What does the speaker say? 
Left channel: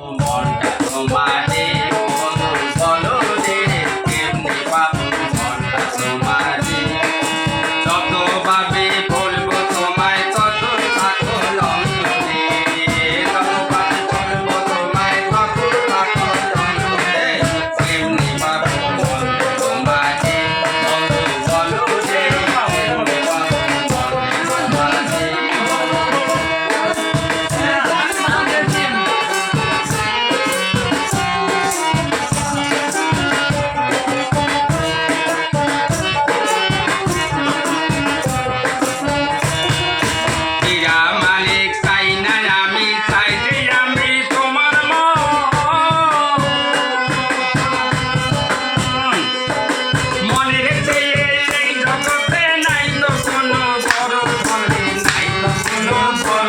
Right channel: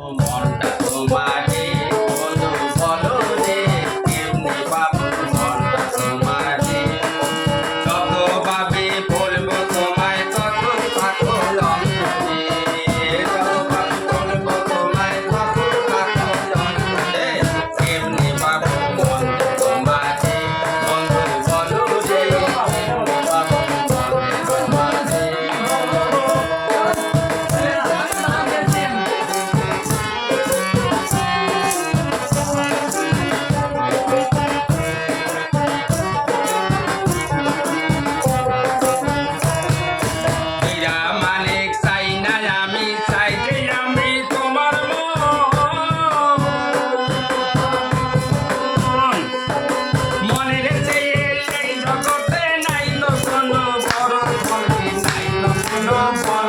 মনটা তোমার I'm sorry.